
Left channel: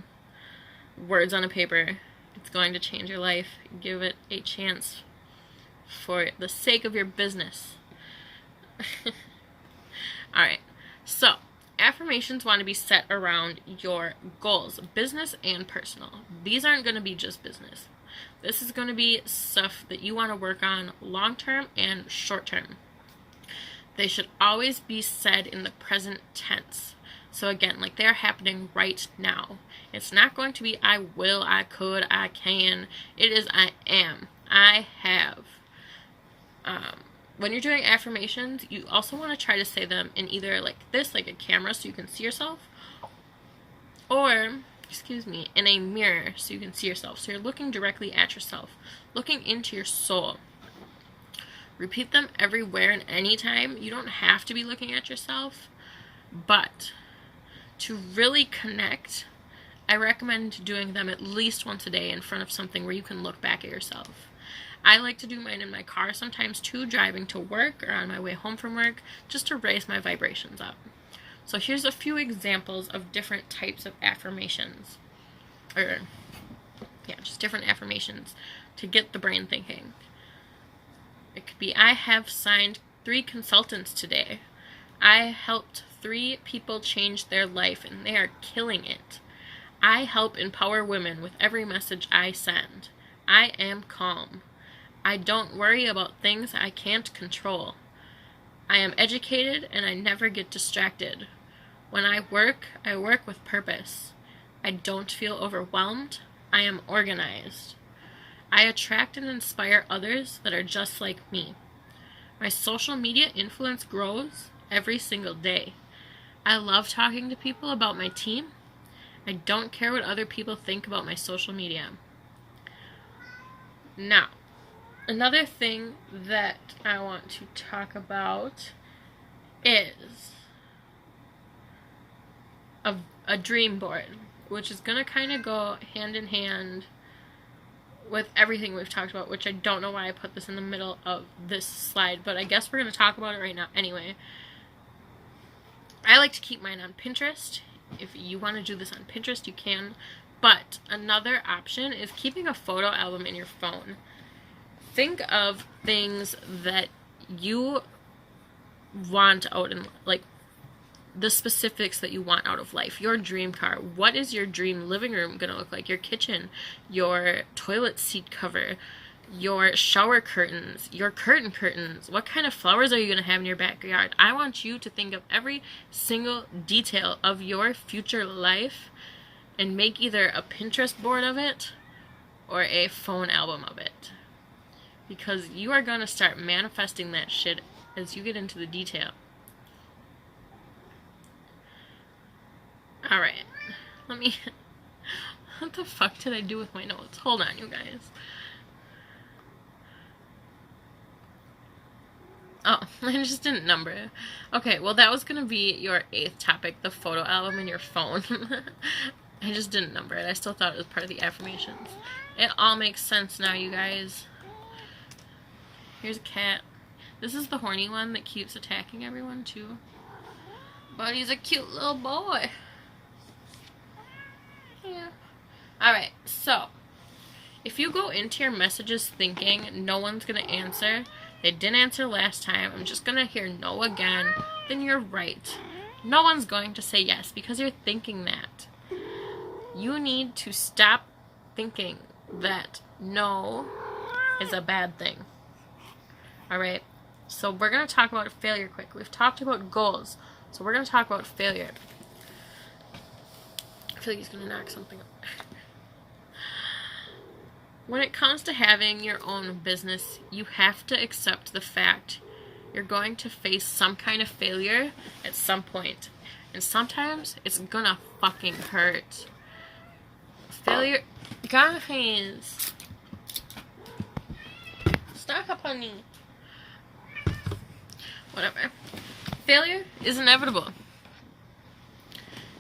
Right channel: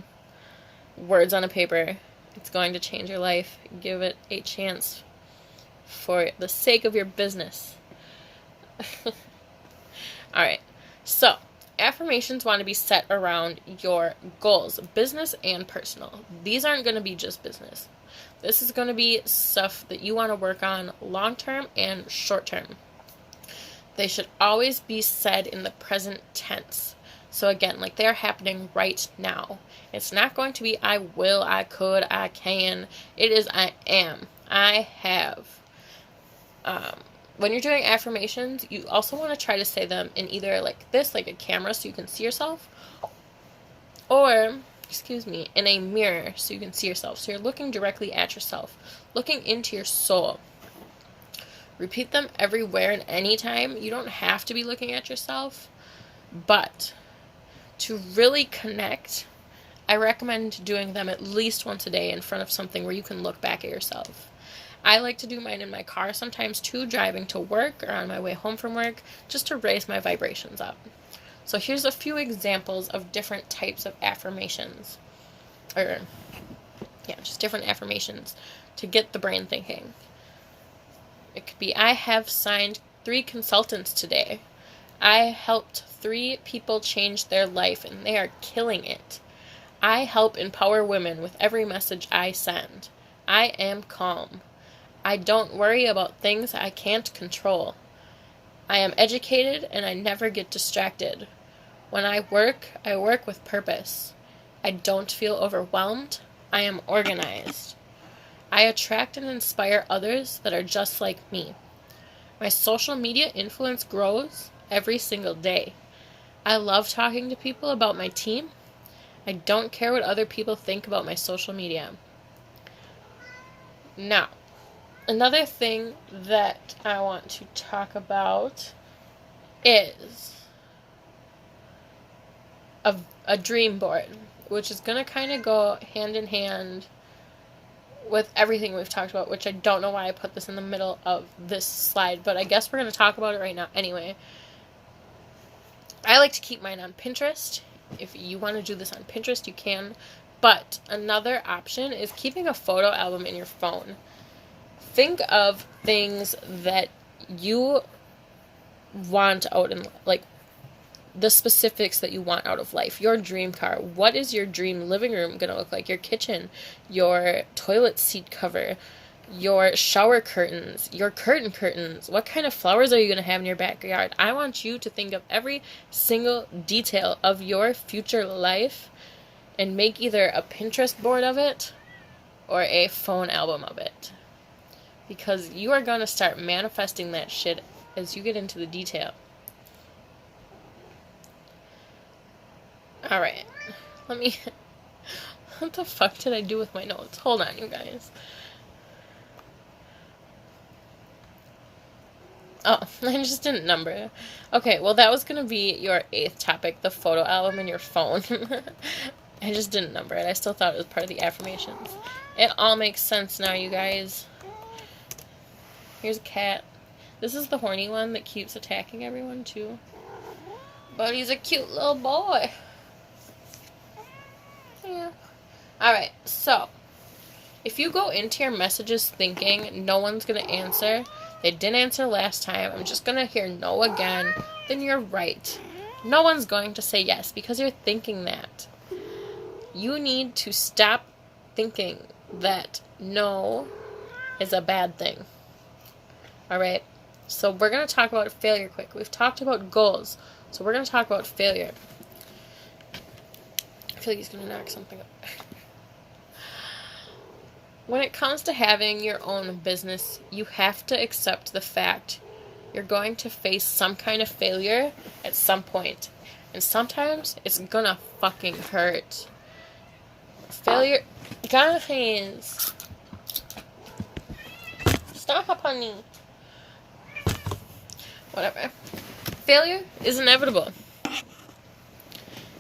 words on a paper. It's going to change your life. Give it a chance for the sake of your business. Alright, so affirmations want to be set around your goals, business and personal. These aren't going to be just business. This is going to be stuff that you want to work on long term and short term. They should always be said in the present tense. So again, like they're happening right now. It's not going to be I will, I could, I can. It is I am, I have. When you're doing affirmations, you also want to try to say them in either like this, like a camera so you can see yourself, or, in a mirror so you can see yourself. So you're looking directly at yourself, looking into your soul. Repeat them everywhere and anytime. You don't have to be looking at yourself, but to really connect, I recommend doing them at least once a day in front of something where you can look back at yourself. I like to do mine in my car sometimes too, driving to work or on my way home from work, just to raise my vibrations up. So here's a few examples of different types of affirmations. Just different affirmations to get the brain thinking. It could be, I have signed 3 consultants today. I helped 3 people change their life and they are killing it. I help empower women with every message I send. I am calm. I don't worry about things I can't control. I am educated and I never get distracted. When I work with purpose. I don't feel overwhelmed. I am organized. I attract and inspire others that are just like me. My social media influence grows every single day. I love talking to people about my team. I don't care what other people think about my social media. Now, another thing that I want to talk about is a dream board, which is going to kind of go hand in hand with everything we've talked about, which I don't know why I put this in the middle of this slide, but I guess we're going to talk about it right now anyway. I like to keep mine on Pinterest. If you want to do this on Pinterest, you can. But another option is keeping a photo album in your phone. Think of things that you want out in, like, the specifics that you want out of life. Your dream car. What is your dream living room going to look like? Your kitchen, your toilet seat cover, your shower curtains, your curtains. What kind of flowers are you going to have in your backyard? I want you to think of every single detail of your future life and make either a Pinterest board of it or a phone album of it. Because you are going to start manifesting that shit as you get into the detail. Alright. What the fuck did I do with my notes? Hold on, you guys. Oh, I just didn't number it. Okay, well, that was going to be your 8th topic, the photo album in your phone. I just didn't number it. I still thought it was part of the affirmations. It all makes sense now, you guys. Here's a cat. This is the horny one that keeps attacking everyone, too. But he's a cute little boy. Yeah. Alright, so if you go into your messages thinking no one's going to answer, they didn't answer last time, I'm just going to hear no again, then you're right. No one's going to say yes because you're thinking that. You need to stop thinking that no is a bad thing. Alright? So we're going to talk about failure quick. We've talked about goals. So we're going to talk about failure. I feel like he's going to knock something up. When it comes to having your own business, you have to accept the fact you're going to face some kind of failure at some point. And sometimes it's going to fucking hurt. Failure... Guys! Stop, honey. Whatever. Failure is inevitable.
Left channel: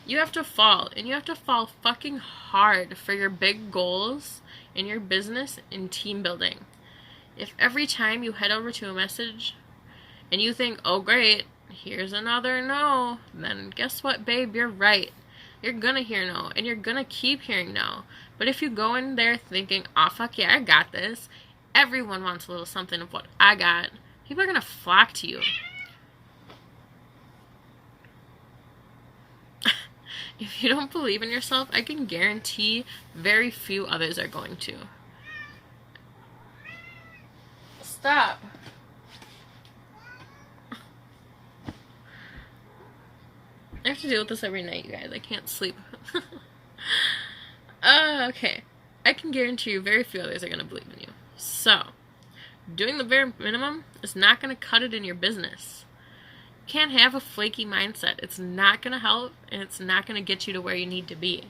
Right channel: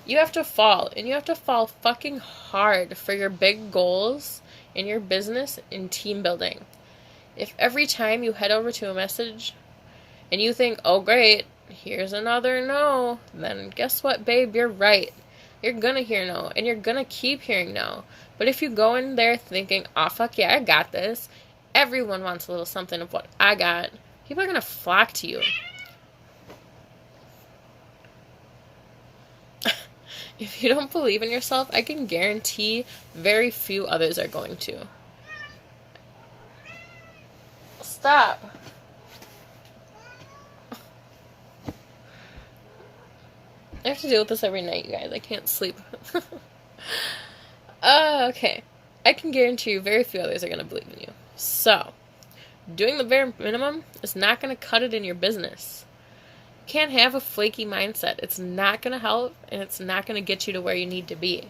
You have to fall, and you have to fall fucking hard for your big goals in your business and team building. If every time you head over to a message and you think, oh great, here's another no, then guess what, babe, you're right. You're gonna hear no, and you're gonna keep hearing no. But if you go in there thinking, oh fuck yeah, I got this, everyone wants a little something of what I got, people are gonna flock to you. If you don't believe in yourself, I can guarantee very few others are going to. Stop. I have to deal with this every night, you guys. I can't sleep. Okay. I can guarantee you very few others are going to believe in you. So, doing the bare minimum is not going to cut it in your business. You can't have a flaky mindset. It's not going to help, and it's not going to get you to where you need to be.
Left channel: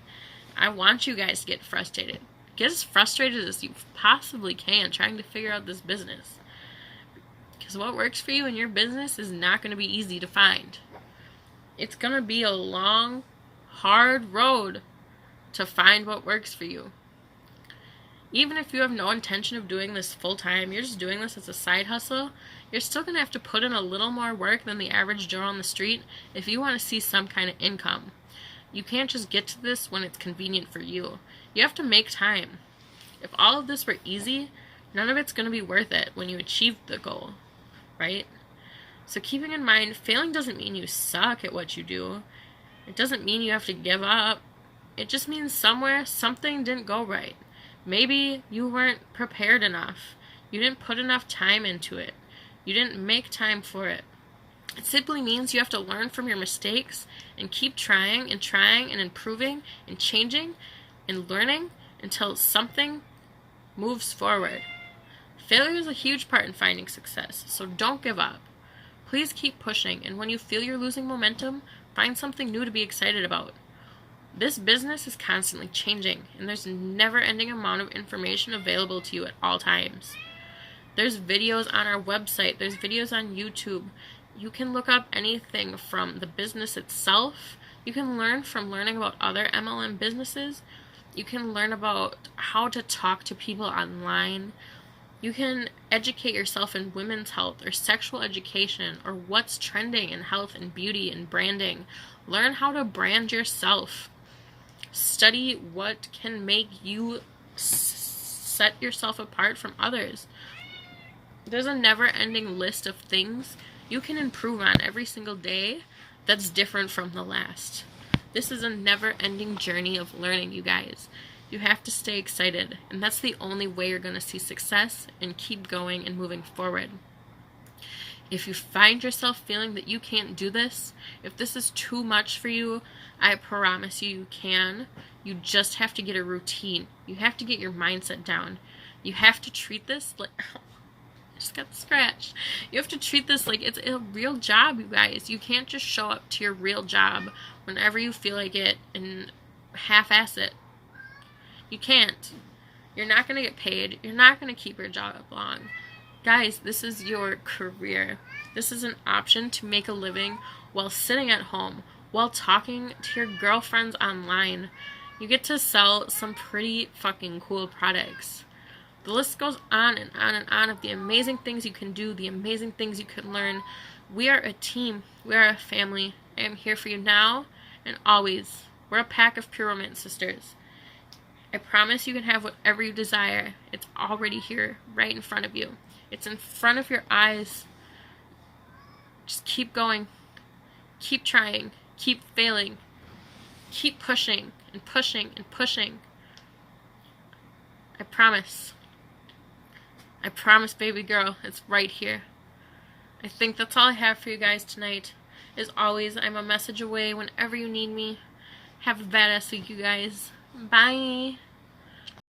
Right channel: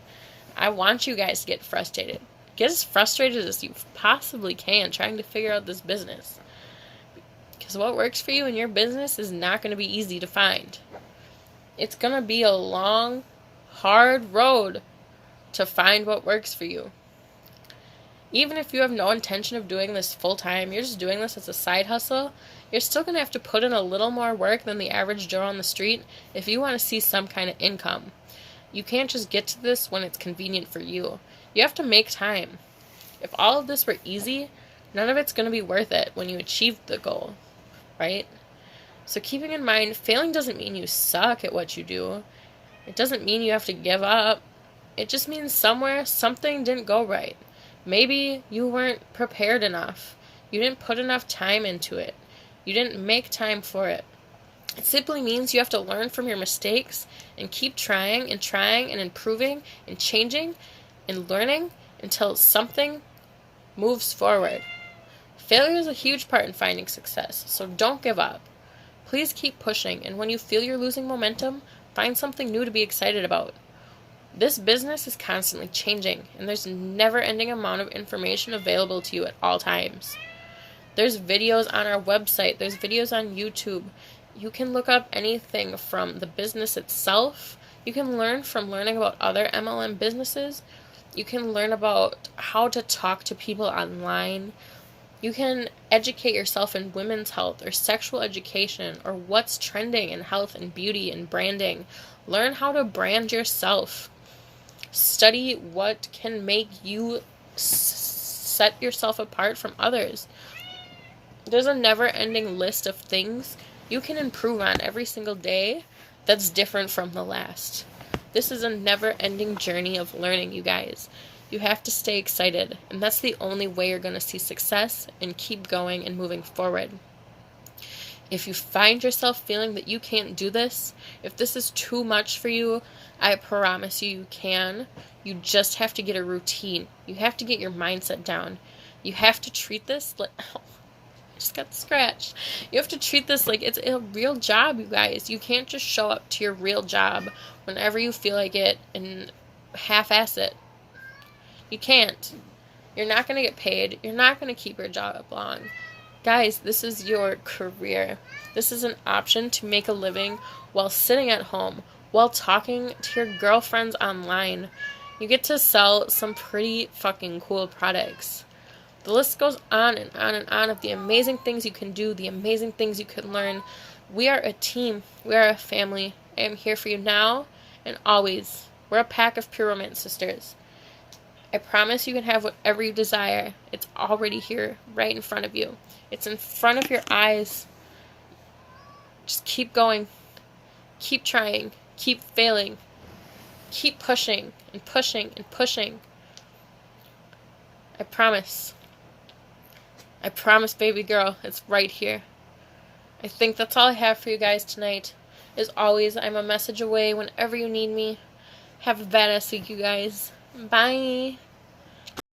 I want you guys to get frustrated. Get as frustrated as you possibly can trying to figure out this business. Because what works for you in your business is not going to be easy to find. It's going to be a long, hard road to find what works for you. Even if you have no intention of doing this full time, you're just doing this as a side hustle, you're still going to have to put in a little more work than the average Joe on the street if you want to see some kind of income. You can't just get to this when it's convenient for you. You have to make time. If all of this were easy, none of it's going to be worth it when you achieve the goal, right? So keeping in mind, failing doesn't mean you suck at what you do. It doesn't mean you have to give up. It just means somewhere something didn't go right. Maybe you weren't prepared enough. You didn't put enough time into it. You didn't make time for it. It simply means you have to learn from your mistakes and keep trying and improving and changing and learning until something moves forward. Failure is a huge part in finding success, so don't give up. Please keep pushing, and when you feel you're losing momentum, find something new to be excited about. This business is constantly changing, and there's a never-ending amount of information available to you at all times. There's videos on our website. There's videos on YouTube. You can look up anything from the business itself You can learn from learning about other MLM businesses. You can learn about how to talk to people online. You can educate yourself in women's health or sexual education or what's trending in health and beauty and branding. Learn how to brand yourself. Study what can make you set yourself apart from others. There's a never-ending list of things you can improve on every single day that's different from the last. This is a never-ending journey of learning, you guys. You have to stay excited, and that's the only way you're going to see success and keep going and moving forward. If you find yourself feeling that you can't do this, if this is too much for you, I promise you can. You just have to get a routine. You have to get your mindset down. You have to treat this like... I just got scratched. You have to treat this like it's a real job, you guys. You can't just show up to your real job whenever you feel like it and half-ass it. You can't. You're not going to get paid. You're not going to keep your job long. Guys, this is your career. This is an option to make a living while sitting at home, while talking to your girlfriends online. You get to sell some pretty fucking cool products. The list goes on and on and on of the amazing things you can do, the amazing things you can learn. We are a team. We are a family. I am here for you now and always. We're a pack of pure romance sisters. I promise you can have whatever you desire. It's already here, right in front of you. It's in front of your eyes. Just keep going. Keep trying. Keep failing. Keep pushing and pushing and pushing. I promise. I promise, baby girl, it's right here. I think that's all I have for you guys tonight. As always, I'm a message away whenever you need me. Have a badass week, you guys. Bye.